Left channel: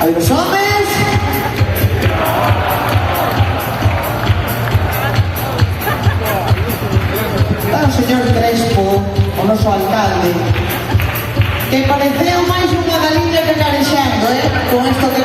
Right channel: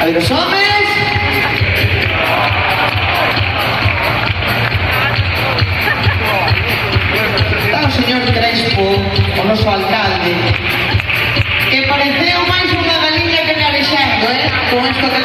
A ver, os homes. Está o señor Crespo, o noso alcalde, que pareceu máis unha galiña que carexando, con isto que